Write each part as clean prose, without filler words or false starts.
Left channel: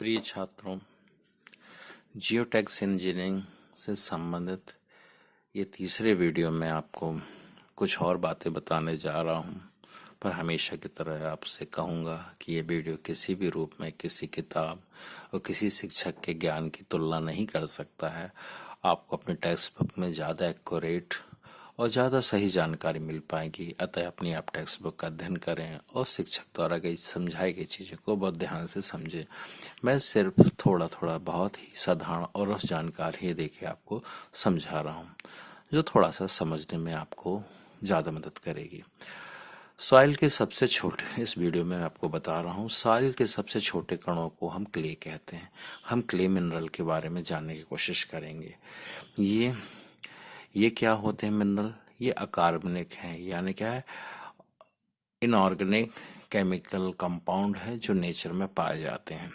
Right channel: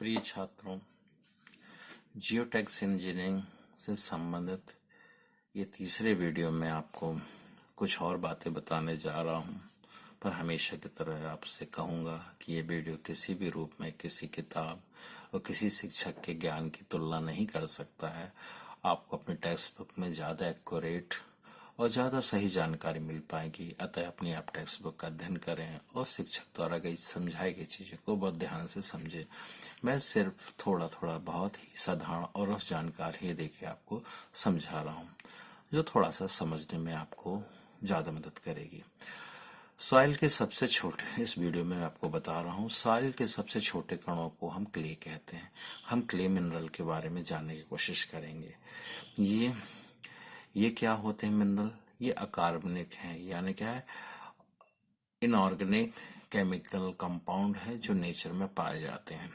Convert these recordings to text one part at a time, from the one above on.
प्रिय छात्रों, जियोटैक्स इंजीनियरिंग से संबंधित ये तीसरे वीडियो में आपको कुछ और बातें बताने जा रहा हूँ। पर हमेशा की तरह आपसे कहूँगा कि ये वीडियो किसी भी रूप में किसी किताब और किसी शिक्षक के ज्ञान की तुलना नहीं कर सकता है। आपको अपने टेक्स्ट बुक में ज़्यादा एक्यूरेट और ज़्यादा सही जानकारी मिल पाएगी। अतः अपनी आप टेक्स्ट बुक का अध्ययन करें और शिक्षक द्वारा गई समझाई गई चीज़ों को बहुत ध्यान से समझें। मैं सिर्फ थोड़ा थोड़ा बहुत ही साधारण और रफ जानकारी ही देके आपको समझा रहा हूँ, जो थोड़ा सा समझने में आपको ज़्यादा मदद करेगी। सॉइल के सबसे छोटे, इस वीडियो में आपको बता रहा हूँ, सॉइल के सबसे छोटे कणों को हम क्ले कहते हैं। हम क्ले मिनरल के बारे में जानने की कोशिश करेंगे। ये क्या होते हैं मिनरल? ये अकार्बनिक हैं, यानी क्या है, इनऑर्गेनिक केमिकल कंपाउंड है जो नेचर में पाए जाते हैं।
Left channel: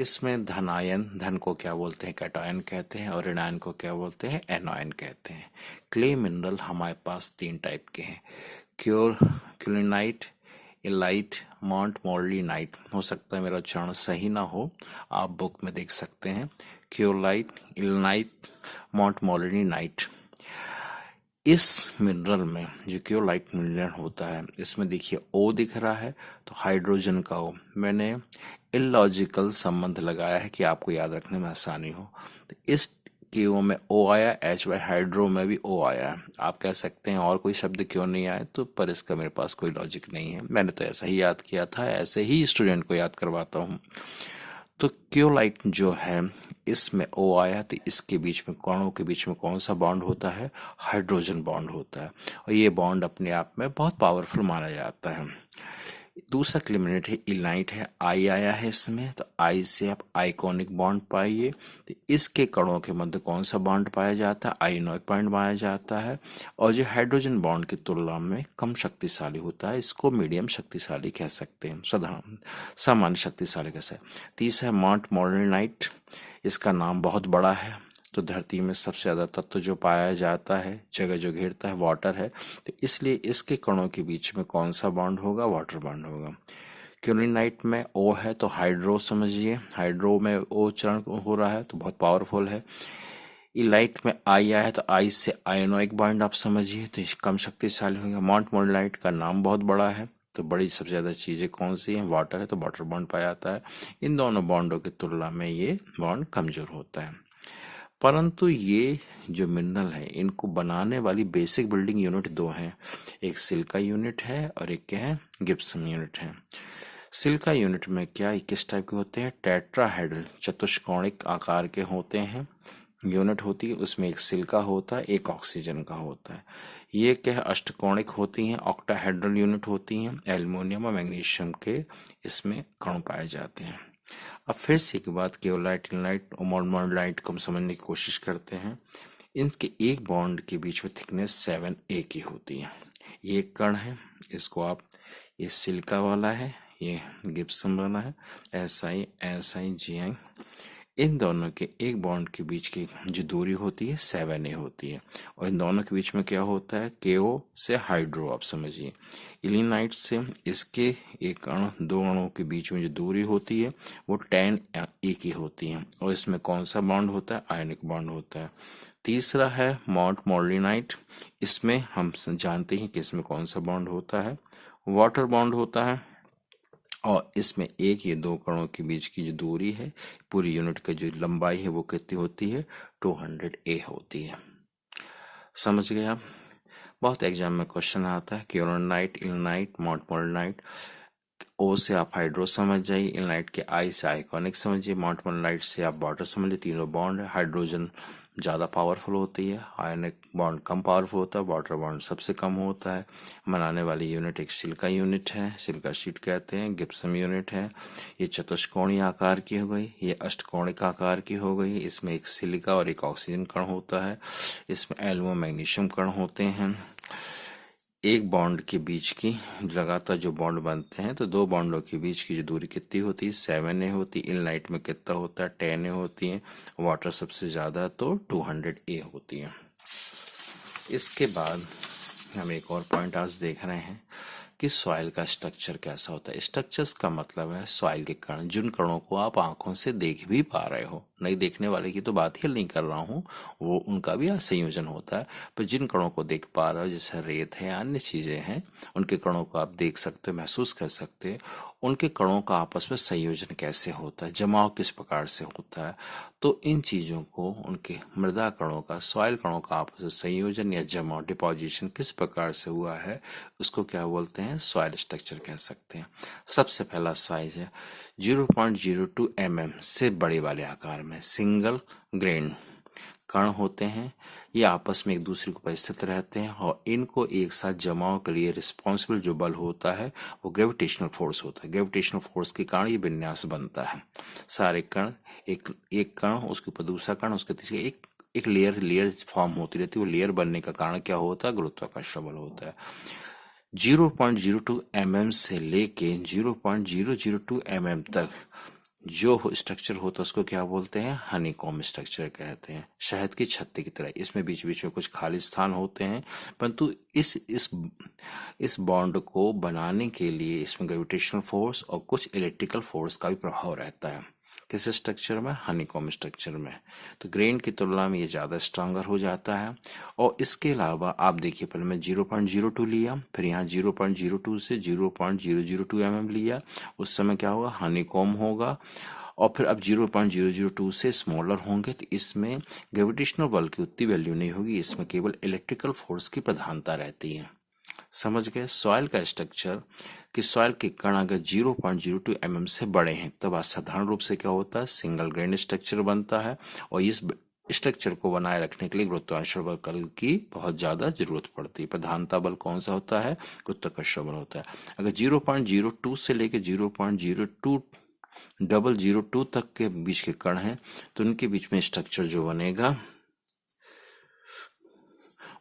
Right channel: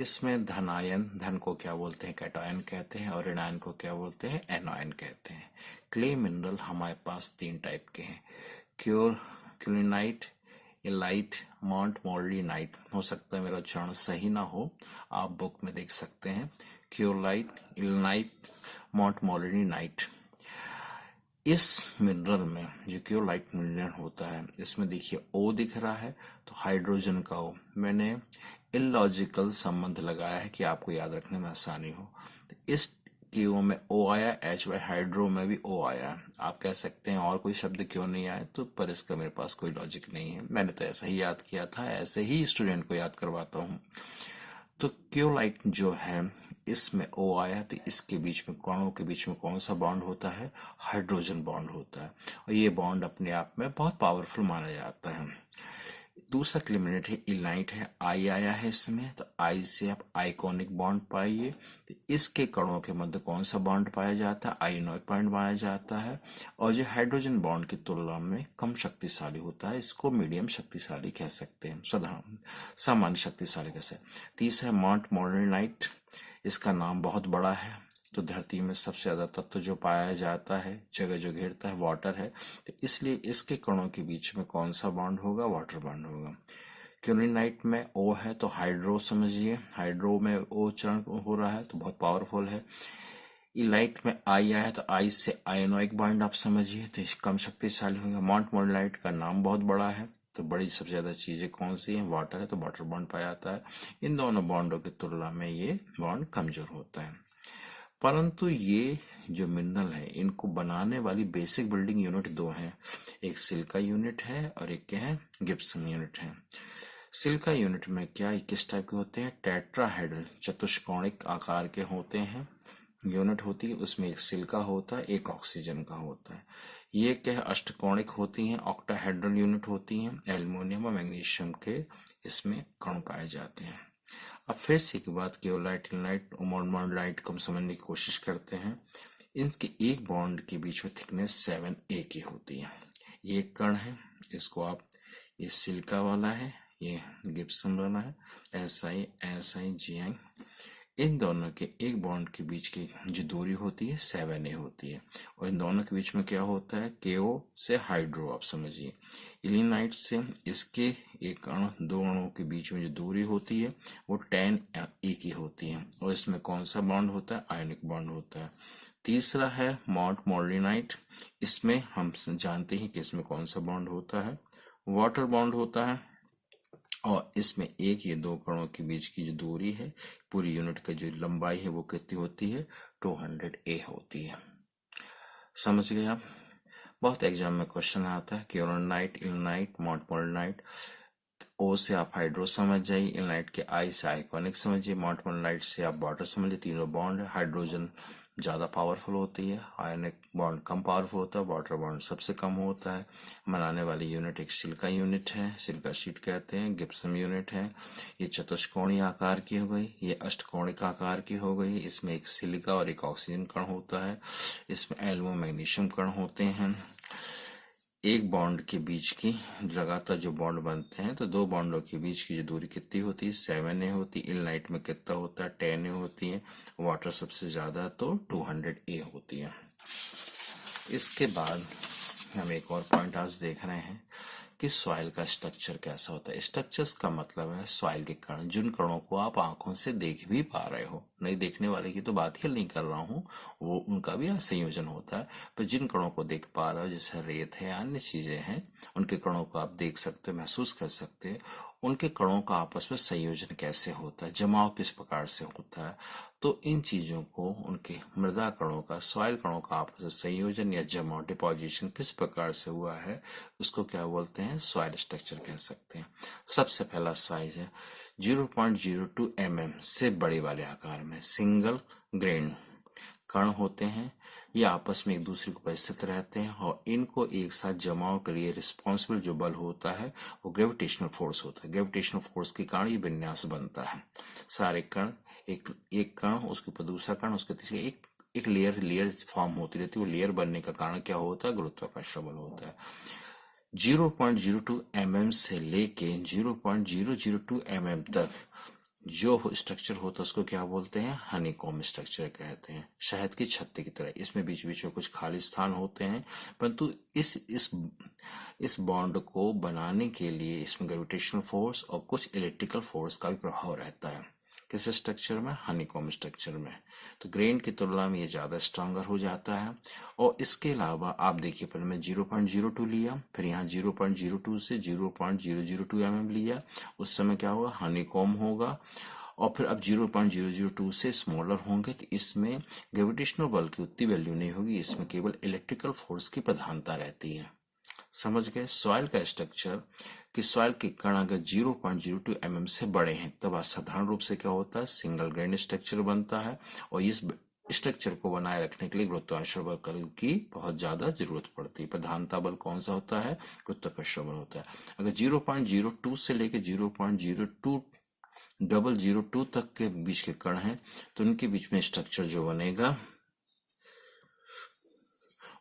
इसमें धन को क्या बोलते हैं? कैटायन कहते हैं, और ऋणायन को क्या बोलते हैं? एनायन कहते हैं। क्ले मिनरल हमारे पास 3 टाइप के हैं। क्यूलिनाइट, इलाइट, मॉन्ट मोलिनाइट। हो सकता है मेरा उच्चारण सही ना हो, आप बुक में देख सकते हैं। क्योलाइट, इलनाइट, मॉन्ट मोलिनाइट। इस मिनरल में जो क्योलाइट मिनरल होता है, इसमें देखिए ओ दिख रहा है, तो हाइड्रोजन का ओ। मैंने इलॉजिकल संबंध लगाया है कि आपको याद रखने में आसानी हो। तो इस क्यू में ओ आया, एच वाई हाइड्रो में भी ओ आया। आप कह सकते हैं और कोई शब्द क्यों नहीं आए, तो पर इसका मेरे पास कोई लॉजिक नहीं है। मैंने तो ऐसा ही याद किया था, ऐसे ही स्टूडेंट को याद करवाता हूँ। तो क्योलाइट जो है, इसमें ओ आया, तो इसके बीच में, कणों के बीच में कौन सा बॉन्ड होता है? हाइड्रोजन बॉन्ड होता है, और ये बॉन्ड अपने आप में बहुत पावरफुल माना जाता है। दूसरा क्लिमिनेट है इलाइट है, आई आया है इसमें, तो आई से आप आइकॉनिक बॉन्ड पाइए। तो इसके कणों के मध्य कौन सा बॉन्ड पाया जाता है? आयोनिक बॉन्ड पाया जाता है, और जो हाइड्रोजन बॉन्ड की तुलना में कम शक्तिशाली होता है, इसको मीडियम शक्तिशाली कह सकते हैं, साधारण सामान्य शक्तिशाली कह सकते हैं। तीसरा है मॉन्ट मोलिनाइट। इसका नाम बहुत बड़ा है, तो धरती में सबसे ज़्यादा तत्व जो पाया जाता है, जगह जो घेरता है, वाटर है, तो इसलिए इसके कणों के बीच में कौन सा बॉन्ड होगा? वाटर बॉन्ड होगा। क्यूलिनाइट में ओ है, तो हाइड्रो समझिए, हाइड्रो में ओ चरण हो रहा है, तो बहुत पावरफुल है। इलाइट में आई आया है, तो आई से आयोनिक बॉन्ड आप समझिए, तो कम शक्तिशाली होगा। मॉन्ट मोलिनाइट का नाम बहुत बड़ा है, तो बड़ी सबसे ज़्यादा चीज़ें कौन सी हैं? वाटर है, तो वाटर बॉन्ड पाया जाता है। इन दोनों बॉन्डों की तुलना में ये बॉन्ड कमजोर होता है। परंतु ये जो मिनरल है, इनको बनाने वाली बेसिक बिल्डिंग यूनिट 2 हैं। एक सिलिका यूनिट है और एक क्या है? गिब्सन यूनिट है। सिलिका यूनिट में क्या, किस टाइप के होते हैं? टेट्राहेड्रल, चतुष्कोणिक आकार के होते हैं, यूनिट होती है। उसमें एक सिलिका होता है, एक ऑक्सीजन का होता है। ये क्या है? अष्टकोणिक होती हैं। ऑक्टाहेड्रल यूनिट होती हैं, एल्युमिनियम और मैग्नीशियम के इसमें कण पाए जाते हैं। अब फिर से एक बात, केओलाइट, इनलाइट और मोनोलाइट को हम समझने की कोशिश करते हैं। इनके एक बॉन्ड के बीच में थिकनेस 7a की होती है। ये एक कण है, इसको आप, ये सिलिका वाला है, ये गिब्सन वाला है, SiSi इन दोनों के एक बॉन्ड के बीच की जो दूरी होती है 7a होती है, और इन दोनों के बीच में क्या होता है? KO से हाइड्रो, आप समझिए। इलिनाइट से इसके एक अणु, दो अणुओं के बीच में जो दूरी होती है वो 10a की होती है, और इसमें कौन सा बॉन्ड होता है? आयनिक बॉन्ड होता है। तीसरा है मॉन्ट मोलिनाइट। इसमें हम जानते हैं कि इसमें कौन सा बॉन्ड होता है? वाटर बॉन्ड होता है, और इसमें एक या दो कणों के बीच की जो दूरी है, पूरी यूनिट की जो लंबाई है, वो कितनी होती है? 200a होती है। समझ गए आप? बहुत एग्जाम में क्वेश्चन आता है, क्यूरोनाइट, इलनाइट, मॉन्टमोलिनाइट। ओ से आप हाइड्रो समझ जाइए, इलनाइट के आई से आइकॉनिक समझिए, मॉन्टमोलिनाइट से आप वाटर समझिए। तीनों बॉन्ड है, हाइड्रोजन ज़्यादा पावरफुल होती है, आयनिक बॉन्ड कम पावरफुल होता है, वाटर बॉन्ड सबसे कम होता है। बनाने वाली यूनिट एक सिलिका यूनिट है, सिलिका शीट कहते हैं, गिब्सन यूनिट है। ये चतुष्कोणीय आकार की हो गई, ये अष्टकोणिक आकार की हो गई। इसमें एक सिलिका और एक ऑक्सीजन कण होता है, इसमें एल्युमिनियम मैग्नीशियम कण होते हैं। एक बॉन्ड के बीच की लगातार जो बॉन्ड बनते हैं, तो दो बॉन्डों के बीच की जो दूरी कितनी होती है? 7a होती है। इनलाइट में कितना होता है? 10a होती है। वाटर सबसे ज़्यादा, तो 200a होती है। इसके बाद हम एक और पॉइंट आज देख रहे हैं कि सॉइल का स्ट्रक्चर कैसा होता है। स्ट्रक्चर्स का मतलब है सॉइल के कण, जिन कणों को आप आंखों से देख भी पा रहे हो, नहीं देखने वाले की तो बात ही नहीं कर रहा हूँ, वो उनका भी संयोजन होता है, पर जिन कणों को देख पा रहे हो जैसे रेत है, अन्य चीजें हैं, उनके कणों को आप देख सकते हो, महसूस कर सकते हो। उनके कणों का आपस में संयोजन कैसे होता है, जमाव किस प्रकार से होता है, तो इन चीजों को, उनके मृदा कणों का, सॉइल कणों का आपस में संयोजन या जमाव, डिपोजिशन किस प्रकार से हुआ है, उसको क्या बोलते हैं, सॉइल स्ट्रक्चर कह सकते हैं। सबसे पहला साइज है 0.02 mm से बड़े वाले आकार में सिंगल ग्रेन कण होते हैं। ये आपस में एक दूसरे के ऊपर स्थित रहते हैं और इनको एक साथ जमाव के लिए रिस्पॉन्सिबल जो बल होता है वो ग्रेविटेशनल फोर्स होता है। ग्रेविटेशनल फोर्स के कारण ये विन्यास बनता है। सारे कण, एक एक कण, उसके ऊपर दूसरा कण, उसके तीसरे, एक लेयर फॉर्म होती रहती है। वो लेयर बनने का कारण क्या होता है, गुरुत्वाकर्षण बल होता है। 0.02 mm से लेके 0.002 mm तक जो स्ट्रक्चर होता है उसको क्या बोलते हैं, हनीकॉम्ब स्ट्रक्चर कहते हैं। शहद की छत्ते की तरह इसमें बीच बीच में कुछ खाली स्थान होते हैं, परंतु इस बॉन्ड को बनाने के लिए इसमें ग्रेविटेशनल फोर्स और कुछ इलेक्ट्रिकल फोर्स का भी प्रभाव रहता है। किस स्ट्रक्चर में, हनीकॉम्ब स्ट्रक्चर में। तो ग्रेन की तुलना में ये ज्यादा स्ट्रांगर हो जाता है। और इसके अलावा आप देखिए, पहले मैं 0.02 लिया, फिर यहाँ 0.02 से 0.002 mm लिया, उस समय क्या होगा, हनीकॉम्ब होगा। और फिर अब 0.002 से स्मॉलर होंगे तो इसमें ग्रेविटेशनल बल की उतनी वैल्यू नहीं होगी, इसमें केवल इलेक्ट्रिकल फोर्स की प्रधानता रहती है। समझ गए। सॉइल का स्ट्रक्चर कि सॉइल के कण अगर 0.02 mm से बड़े हैं तब साधारण रूप से क्या होता है, सिंगल ग्रेन स्ट्रक्चर बनता है। और इस स्ट्रक्चर को बनाए रखने के लिए गुरुत्वाकर्षण बल की बहुत ज्यादा जरूरत पड़ती है। प्रधानता बल कौन सा होता है, गुरुत्वाकर्षण बल होता है। अगर 0.02 से लेकर 0.02002 तक के बीच के कण हैं तो उनके बीच में स्ट्रक्चर जो बनेगा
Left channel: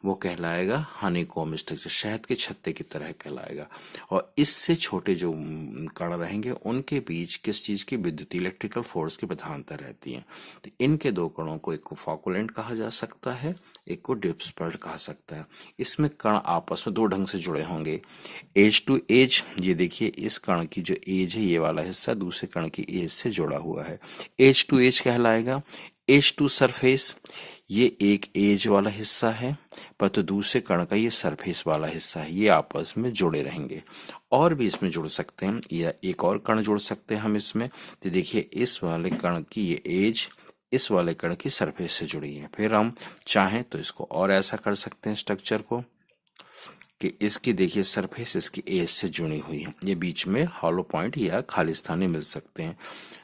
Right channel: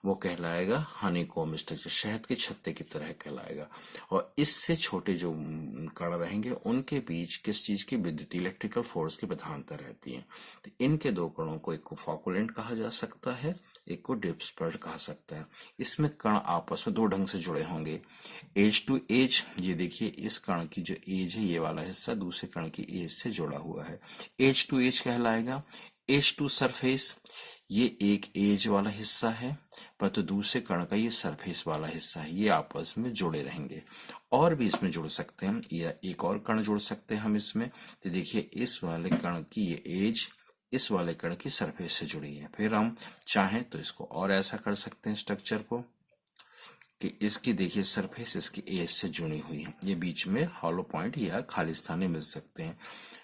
वो कहलाएगा हनीकॉम्ब स्ट्रक्चर, शहद के छत्ते की तरह कहलाएगा। और इससे छोटे जो कण रहेंगे उनके बीच किस चीज की, विद्युत इलेक्ट्रिकल फोर्स की प्रधानता रहती है। तो इनके दो कणों को, एक को फॉकुलेंट कहा जा सकता है, एक को डिस्पर्स्ड कहा सकता है। इसमें कण आपस में दो ढंग से जुड़े होंगे, एज टू एज। ये देखिए, इस कण की जो एज है, ये वाला हिस्सा दूसरे कण की एज से जुड़ा हुआ है, एज टू एज कहलाएगा। एज टू सरफेस, ये एक एज वाला हिस्सा है, पर तो दूसरे कण का ये सरफेस वाला हिस्सा है, ये आपस में जुड़े रहेंगे। और भी इसमें जुड़ सकते हैं, या एक और कण जोड़ सकते हैं हम इसमें। तो देखिए, इस वाले कण की ये एज इस वाले कण की सरफेस से जुड़ी है। फिर हम चाहें तो इसको और ऐसा कर सकते हैं स्ट्रक्चर को कि इसकी देखिए सरफेस इसकी एज से जुड़ी हुई है, ये बीच में हॉलो पॉइंट या खाली स्थान मिल सकते हैं।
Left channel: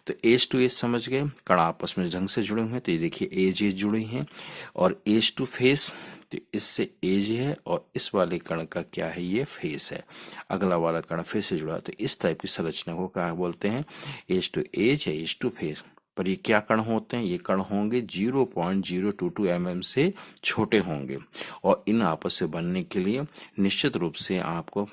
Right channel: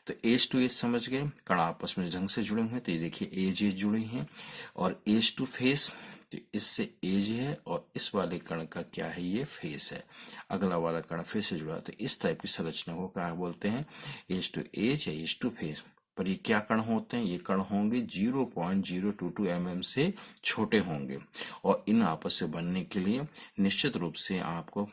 तो एज टू एज समझ गए, कण आपस में ढंग से जुड़े हुए हैं। तो ये देखिए एज जुड़ी हैं। और एज टू फेस, तो इससे एज है और इस वाले कण का क्या है, ये फेस है। अगला वाला कण फेस से जुड़ा है। तो इस टाइप की संरचना को क्या बोलते हैं, एज टू एज या एज टू फेस। पर ये क्या कण होते हैं, ये कण होंगे 0.022 mm से छोटे होंगे। और इन आपस से बनने के लिए निश्चित रूप से आपको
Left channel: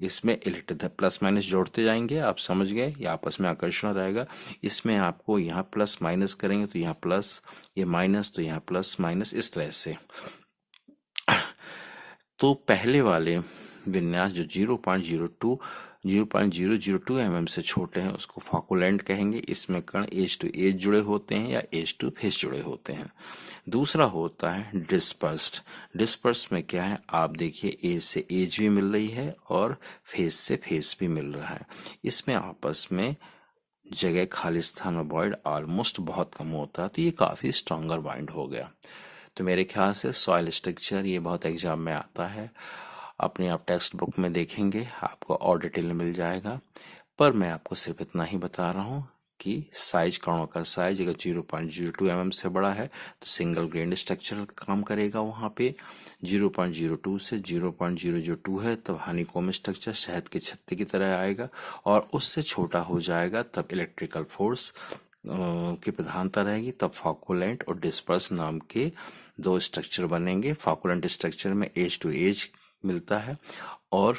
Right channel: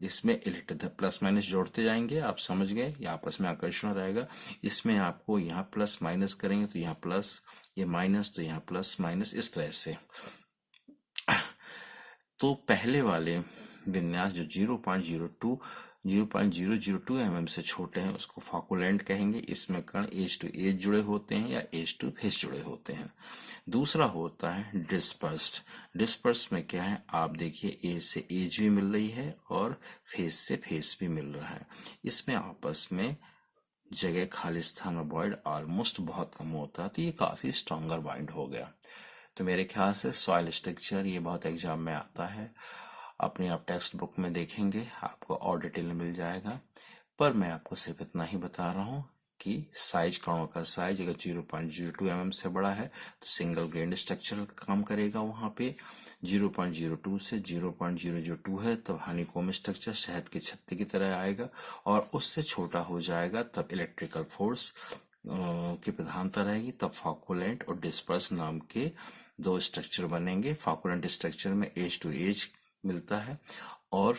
इसमें इलेक्ट्रिक प्लस माइनस जोड़ते जाएंगे। आप समझ गए, ये आपस में आकर्षण रहेगा। इसमें आपको यहाँ प्लस माइनस करेंगे तो यहाँ प्लस, ये माइनस तो यहाँ प्लस माइनस, इस तरह से। तो पहले वाले विन्यास जो 0.002 mm से छोटे हैं उसको फॉकुलेंट कहेंगे। इसमें कण एज टू एज जुड़े होते हैं या एज टू फेस जुड़े होते हैं। दूसरा होता है डिस्पर्स्ड। डिस्पर्स में क्या है, आप देखिए एज से एज भी मिल रही है और फेस से फेस भी मिल रहा है। इसमें आपस में जगह, खाली स्थान में बॉइंड ऑलमोस्ट बहुत कम होता है, तो ये काफी स्ट्रॉन्गर बाइंड हो गया। तो मेरे ख्याल से सॉइल स्ट्रक्चर ये बहुत एग्जाम में आता है। अपने आप टेक्स्ट बुक में देखेंगे, आपको और डिटेल में मिल जाएगा। पर मैं आपको सिर्फ इतना ही बता रहा हूँ कि साइज, कणों का साइज अगर 0.02 mm से बड़ा है तो सिंगल ग्रेन स्ट्रक्चर काम करेगा। वहाँ पे 0.02 से 0.002 है तब हनीकॉम्ब स्ट्रक्चर शहद के छत्ते की तरह आएगा। और उससे छोटा हो जाएगा तब इलेक्ट्रिकल फोर्स की प्रधानता रहेगी, तब फॉकुलेंट और डिस्पर्स नाम के दो स्ट्रक्चर बनेंगे। फॉकुलेंट स्ट्रक्चर में एज टू एज मिलता है और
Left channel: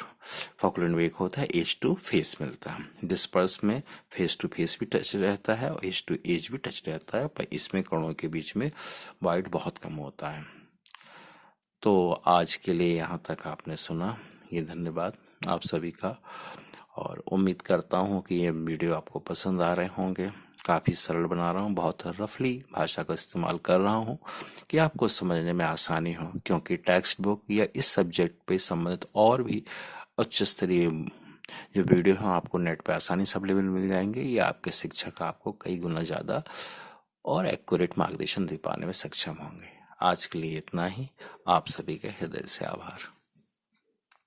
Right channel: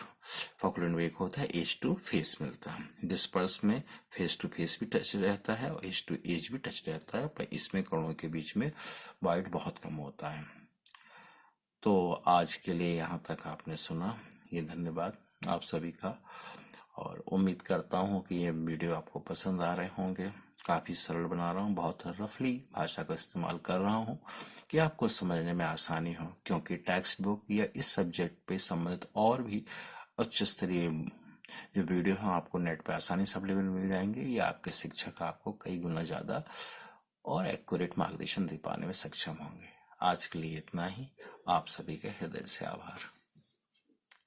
फॉकुलेंट में एक होता है एज टू फेस मिलता है। डिस्पर्स में फेस टू फेस भी टच रहता है और एज टू एज भी टच रहता है, पर इसमें कणों के बीच में वाइड बहुत कम होता है। तो आज के लिए यहाँ तक आपने सुना, ये धन्यवाद, आप सभी का। और उम्मीद करता हूँ कि ये वीडियो आपको पसंद आ रहे होंगे। काफ़ी सरल बना रहा हूँ, बहुत रफली भाषा का इस्तेमाल कर रहा हूँ कि आपको समझने में आसानी हो, क्योंकि टेक्स्ट बुक या इस सब्जेक्ट पे संबंधित और भी उच्च स्तरीय जो वीडियो हैं आपको नेट पे आसानी से अवेलेबल मिल जाएंगे, या आपके शिक्षक आपको कई गुना ज़्यादा और एक्यूरेट मार्गदर्शन दे पाने में सक्षम होंगे। आज के लिए इतना ही। आप सभी के हृदय से आभार।